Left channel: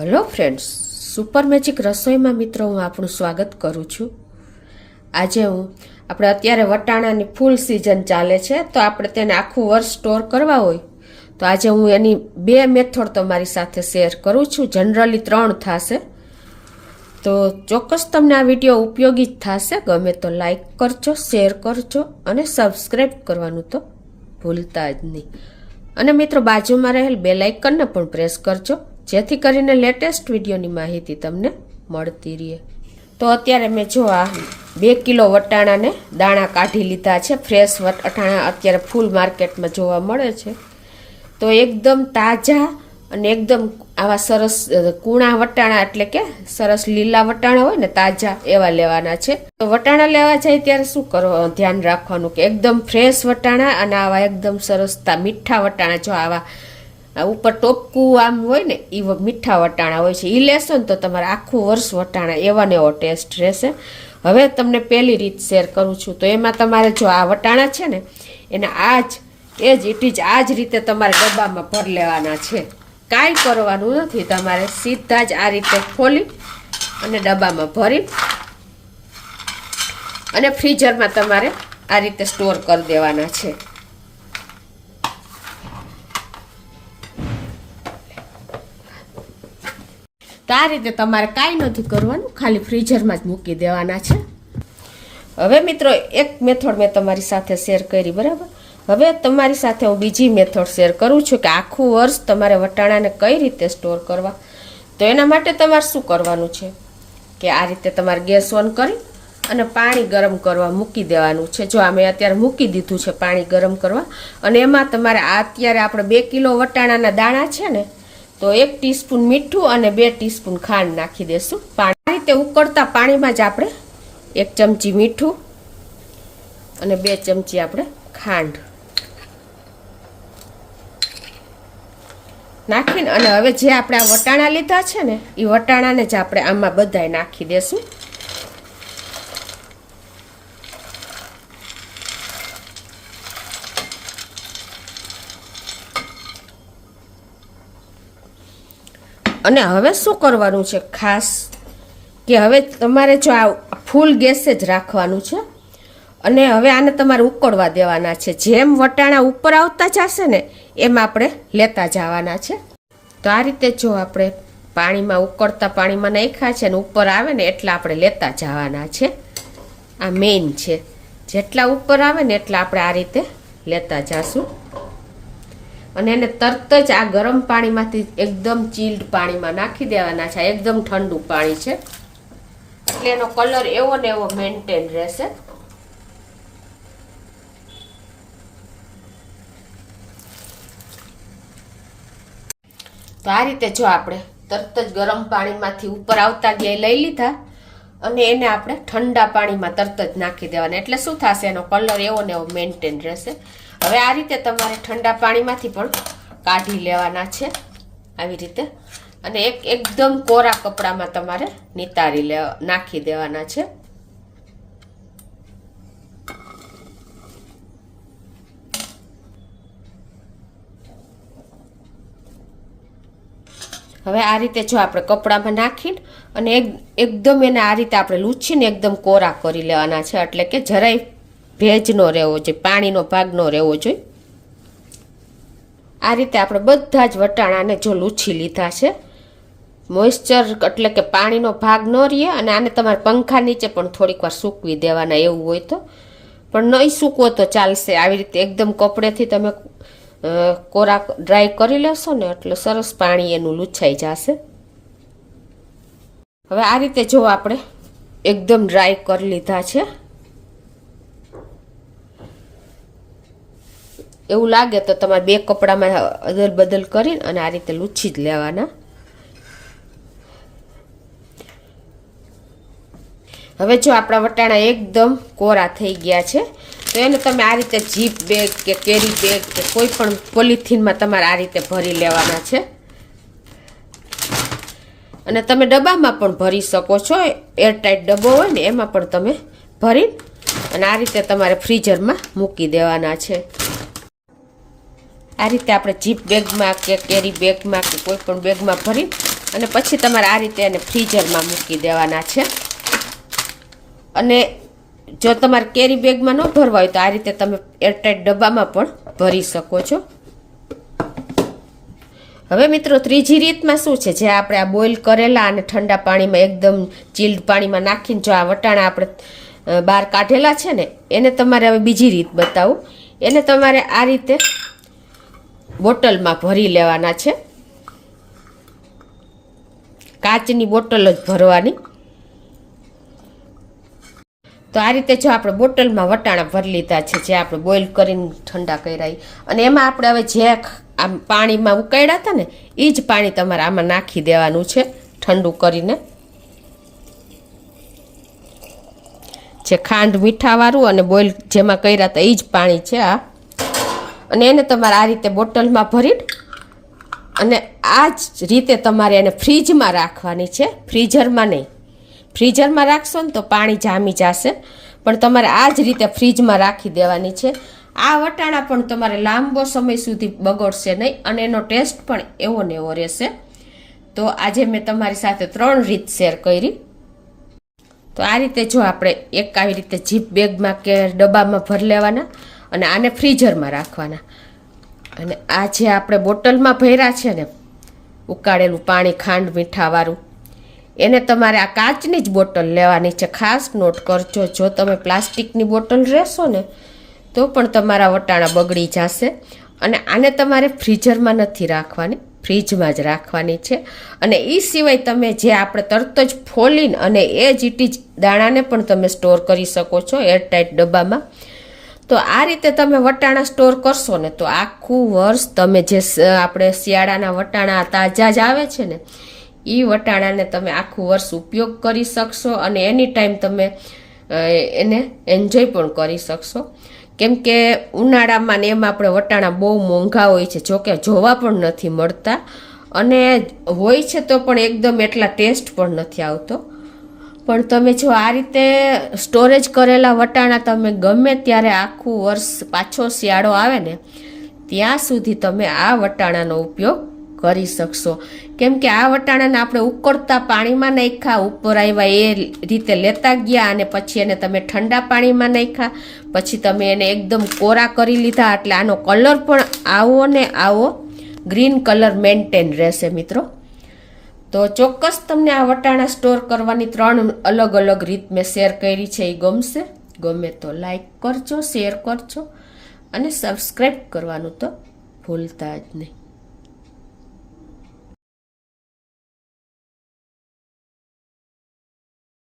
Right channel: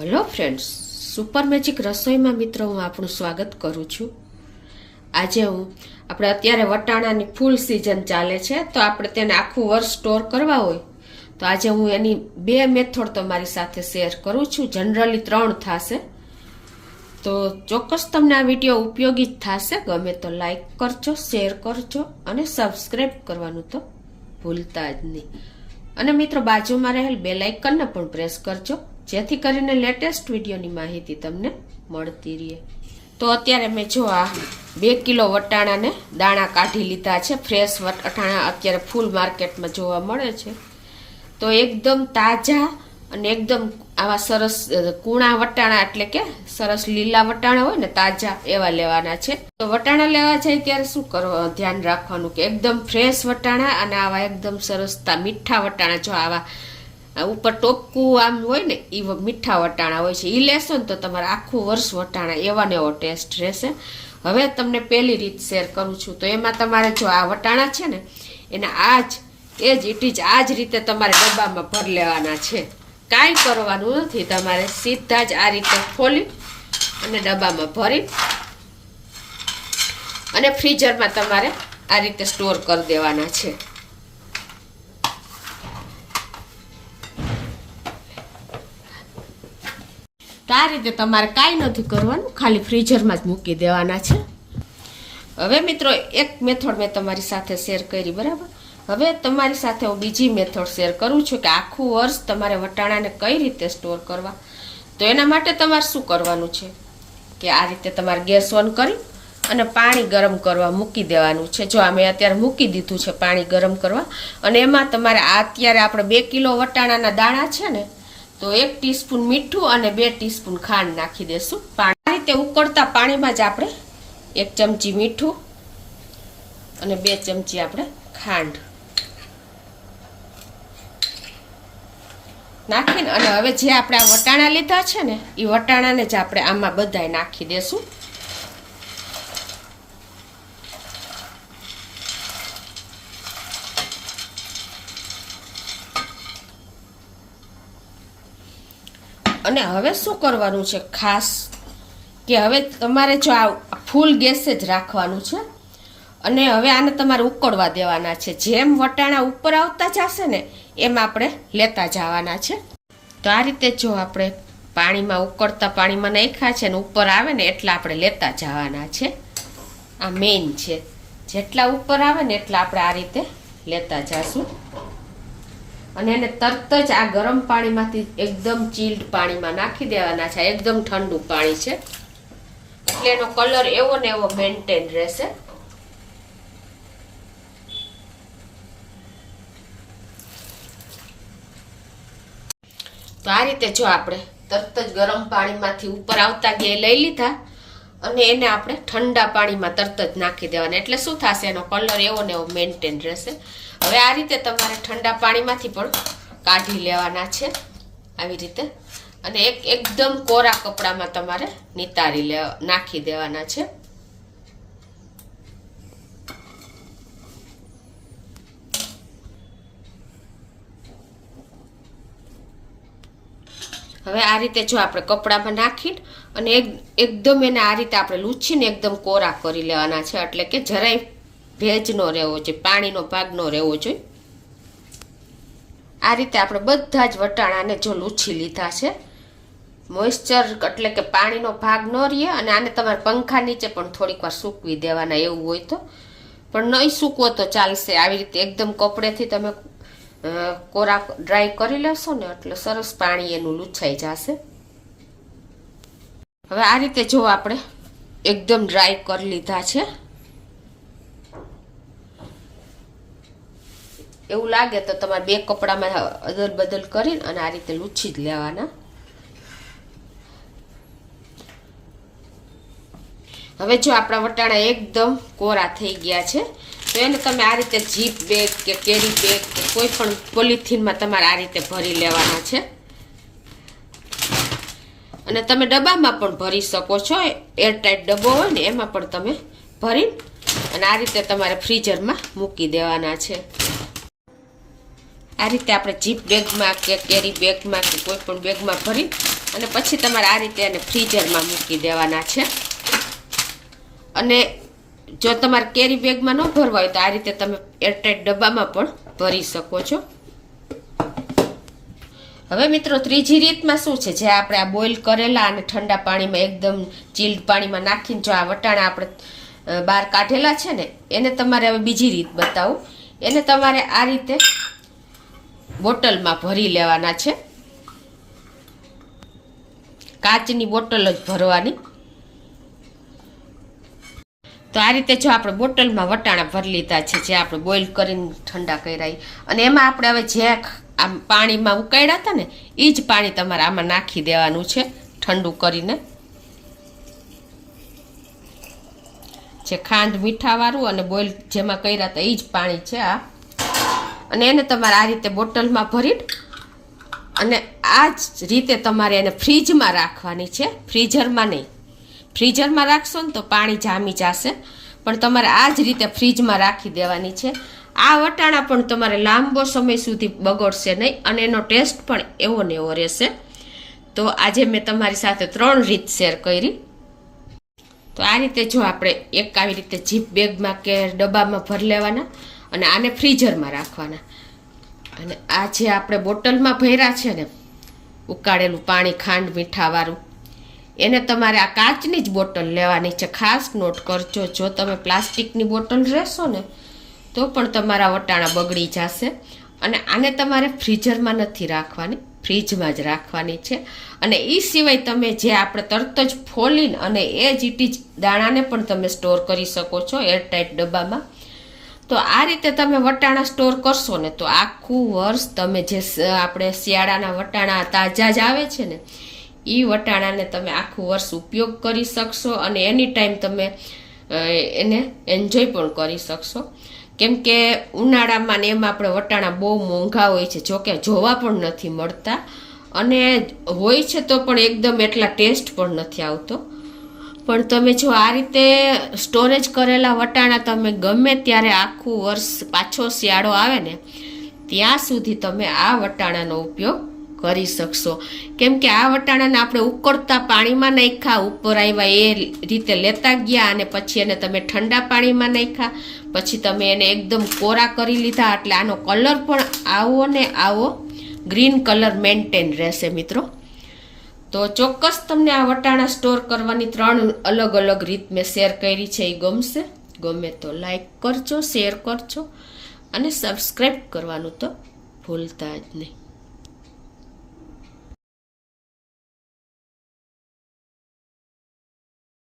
Hello friends, super magic રસોઈમાં મિત્રો હું આપણું સ્વાગત કરું છું. આજે આપણે અત્યારે વટાણાની ફૂલ સિઝન ચાલે છે, તો આપણે તેને આખું વર્ષ સ્ટોર કરવા હોય તો આજે હું એની બે મેથડ તમારી સાથે શેર કરું છું. જનરલી 3 થશે, તો ચોક્કસ તમને આ વિડીયો ઉપયોગી જ થશે. ગમે તો લાઈક કરજો, શેર કરજો અને સબસ્ક્રાઈબ કરવાનું તો ભૂલતા જ નહીં. અને મિત્રો બાજુમાં રહેલ બેલ આઇકનને પણ પ્રેસ કરજો, જેથી કરીને લેટેસ્ટ વિડીયોની માહિતી તમને મળતી રહે. તો અત્યારે મેં જો આ 2 કિલો વટાણાને દાણા કાઢી લીધા છે. ફ્રેશ વટાણા અત્યારે ફૂલ માર્કેટમાં જોવા મળે છે. તો એકદમ તાજા અને એકદમ આવા સરસ કૂણા વટાણા, એટલે કે સરસ લીલા વટાણા હોય ને તાજા, એવા લેવાના છે. તો વટાણા લેવા જાય ત્યારે શું કરવા ધ્યાન રાખવાનું કે એકદમ ફ્રેશ વટાણા અને આવા એકદમ સરસ મીઠા વટાણા, જો આવા ઉપર ટોપકું આમ હોય ને એ મીઠા વટાણા હોય છે, એ લેશો ને તો તમારે આખું વર્ષ વટાણા એવા ને એવો ટેસ્ટ રહેશે. હવે તમને પહેલી રીત શેર કરું છું. તો એમાં તમારે જો આ વટાણા છે ને એને આ જ રીતે તમારે ડબ્બામાં ભરી લેવાના છે. કાંઈ કરવાનું નથી, તમારે સીધા જ આ રીતે ખોલી અને ડબ્બામાં ભરી અને ફ્રીઝરમાં તમારે આ રીતે સ્ટોર કરી દેવાના છે. તો આ રીતે તમારે કાંઈ નથી કરવાનું, ખાલી ફ્રીઝરમાં જ મૂકી દેવાના છે. હવે મિત્રો એક મેથડ મેં તમારી સાથે શેર કરી, બરાબર. હવે તમારી સાથે હું બીજી મેથડ શેર કરું છું કે આખું વર્ષ તમારે વટાણાને કઈ રીતે સ્ટોર કરવા. તો એના માટે તમારે શું કરવાનું છે કે આ રીતે તમારે ગેસ ઓન કરી અને પાણી ગરમ કરવા મૂકી દેવાનું છે. જો અમે અત્યારે મૂકી દીધું છે પાણી ગરમ કરવા, અને એમાં તમારે અત્યારે આપણે 2 કિલો વટાણાના દાણા છે ને, તો 1 ટીસ્પૂન મીઠું અને 2 ટીસ્પૂન ખાંડ નાખી દેશું. આ રીતે ઉકળતા પાણીમાં જ આપણે 1 ચમચી મીઠું અને 2 ચમચી આપણે ખાંડ નાખીને અને હવે જે આપણે આ વટાણા લીધા છે ને એ વટાણાને જ આપણે આમાં બધાય નાખી દેશું. અને હવે શું કરવાનું છે ખાસ કે હવે તમારે જો આ ફૂલ ગેસે જ રાખવાનું છે અને હવે આને તમારે ઉકળવા દેવાના છે. જેમ વટાણા ઉપર આવતા જશે ને એમ આપણે લેતા જવાના છે. તો આ રીતે જો આપણે પાણીમાં ઉકળતા પાણીમાં નાખ્યા છે ને ઉપર આવે ને એટલા આપણે લેતા જવાના છે. આ મેઇન છે, જેટલા ઉપર આવે ને એટલા આપણે આ રીતે લેતા જશું. અને એને તરત જ આ ગરમ પાણીમાંથી એકદમ ચીલ્ડ પાણીમાં નાખી દેવાના છે. એકદમ ઠંડુ પાણી છે એટલે એનો કલર એવો ને એવો મેન્ટેન રહેશે. તો આ રીતે જો આપણે તરત જ ગરમ પાણીમાંથી ઉપર આવતા ગયા લઈ લીધા અને એને આપણે ઠંડા પાણીમાં તરત જ નાખી દેવાના, એટલે શું થશે એનો કલર એવો ને એવો મેન્ટેન રહેશે. હવે આ રીતે તમારે ઠંડા પાણીમાંથી પણ કાઢી લેવાના છે આવી રીતે, અને એકદમ કોરા કપડામાં તમારે નિતારી નાખી દેવાના છે. હવે આ રીતે જો આપણે કપડામાં નાખીને અને એકદમ એને આ રીતે આપણે લૂછીને એકદમ કોરા કરી લેવાના છે, એટલે કે જરાય ભેજ નો રહેવો જોઈએ, પાણીનો ભાગ ન રહેવો જોઈએ. આ રીતે આપણે બધા જ વટાણાને જો લૂછી લીધા છે, મોઇશ્ચર એટલે કે પાણીનો ભાગ ન રહે. અને આને તમારે પંખા નીચે પણ થોડીક વાર સૂકવી દેવાના એવું હોય તો, પણ નહીં સૂકવો તો ચાલશે. આવી રીતે એકદમ કપડેથી તમે કોરા ડ્રાય કરી લેશો ને એટલે સરસ પાણી એનું લૂછાઈ જશે. હવે આ રીતે જો આપણે એકદમ ડ્રાય કરી લીધા છે. એવું લાગે તો તમારે 2 કપડામાં અદલ બદલ કરીને અને આ રીતે લૂછી જ લેવાના. હવે જો આપણા વટાણા એકદમ કોરા થઈ ગયા છે તો એને તમે આ રીતે જીપ બેગ કે કેરી બેગ કે કોઈ પણ પોલિથીનમાં તમારે આ રીતે ભરી લેવાના છે. અને તમે ડબ્બામાં પણ ભરી શકો છો, એરટાઈટ ડબ્બો હોય ને એમાં પણ તમે ભરી અને આ રીતે તમારે ફ્રીઝરમાં મૂકી દેવાના છે. આ રીતે આપણે જીપ બેગમાં કે કેરી બેગમાં કે કોઈ પણ બેગમાં ભરી અને પછી તમારે આ રીતે એને ફ્રીઝરમાં મૂકી દેવાના છે. અને જો તમારે કેરી બેગમાં ન ભરવા હોય તો આ રીતે તમે એરટાઈટ ડબ્બામાં પણ ભરી શકો છો. હવે મિત્રો ત્રીજી રીતમાં શું છે, જે આપણે આ બોઇલ કરેલા અને ઠંડા પાણીમાં એકદમ ચીલ્ડ પાણીમાં નાખીને જો આ વટાણા આપણે બહાર કાઢેલા છે ને, એને તમારે હવે બીજી રીત બતાવું. એને તમારે આ રીતે બોટલમાં ભરી લેવાના છે. કાચની બોટલ જ ભરવાની. તો આ રીતે જો આપણે બોટલમાં વટાણા ભરી લીધા છે, જે આપણે બોઇલ કરીને ઠંડા કર્યા, અને એમાં આપણે હવે જે આમ પાણીમાં ઉકાળ્યા હતા ને એ જ પાણી તમારે આમાં નાખી દેવાનું છે ઠંડુ કરીને. જે ખાંડ મીઠાવાળું અને બોઇલ જેમાં કર્યા હતા એ જ પાણી છે આ. અને એને તમારે આ રીતે બોટલમાં ભરી અને આ જ રીતે તમારે એને ફ્રીજમાં રાખવાની છે, ફ્રીઝરમાં નહીં. ફ્રીઝરમાં રાખશો ને તો પાણી જામી જશે, પણ તમારે આ જ રીતે ફ્રીજમાં રાખી દેવાની છે. આ વટાણા પણ તમારે લાંબો સમય સુધી બગડશે નહીં અને એનો ટેસ્ટ પણ એવો ને એવો રહેશે. તો આજે મેં તમારી સાથે 3 રીત શેર કરી. તો આ રીતે જો આપણે એક આવી રીતે જીપ બેગમાં કે ડબ્બામાં ભરી લેવાના અને આને ફ્રીઝરમાં રાખવાના. અને આ જે આપણે બોટલમાં ભર્યા છે ને ઉકાળેલું પાણી ખાંડ મીઠાવાળું, એને તમારે આ કાચની જ બોટલ લેવાની છે. ખાસ નોટ કરજો, જો તમે પ્લાસ્ટિકની બોટલ રહેશો ને તો પણ તમારા વટાણા બગડી જશે. અને આને તમારે ફ્રીઝરમાં નથી રાખવાની, ફ્રીજમાં જ રાખવાની છે. અને એ સિવાય તમે જે આપણે તરત જ ફોલીને અને એ જ ઇટી જ દાણાને પણ તમે સ્ટોર કરી શકો છો એરટાઈટ ડબ્બામાં. તો આ રીતે તમે વટાણા સ્ટોર કરશો ને તો આખું વર્ષ તમે જે આપણે શિયાળાના વટાણા તાજા જ આવે છે ને એ વટાણાને તમે આખું વર્ષ ઉપયોગ કરી શકશો અને એની ટાઈમ તમે એને એન્જોય પણ કરી શકશો. કેમ કે ઉનાળામાં ને એમાં આપણે વટાણા બહુ મોંઘા હોય છે, જોકે જોવા પણ નથી મળતા અને હોય છે તો પણ એકદમ એટલા ટેસ્ટ પણ નથી આવતો. પણ તમે જો આ રીતે સ્ટોરેજ કરેલા વટાણા તમે ગમે ત્યારે આખું વર્ષ પાછો શિયાળો આવે ને ત્યાં સુધી તમે આ વટાણાનો ઉપયોગ કરી શકશો. કેમ કે આ વટાણાને આપણે ઉકળતા પાણીમાં નાખ્યા, ઉપર આવ્યા એ રીતે લેતા ગયા અને પછી એને તમે ઠંડા પાણીમાં નાખ્યા, પછી તમે એને એકદમ કોરા કરી લીધા, એટલે આનો કલર પણ આવો ને આવો ગ્રીન કલર મેન્ટેન રહેશે મિત્રો. તો ચોક્કસ તમને આ વટાણા સ્ટોર કરવાની 3 અલગ અલગ રીત મેં શેર કરી છે, એ ગમશે. ગમે તો લાઈક કરજો, શેર કરજો અને સબસ્ક્રાઈબ કરવાનું તો ભૂલતા જ નહીં.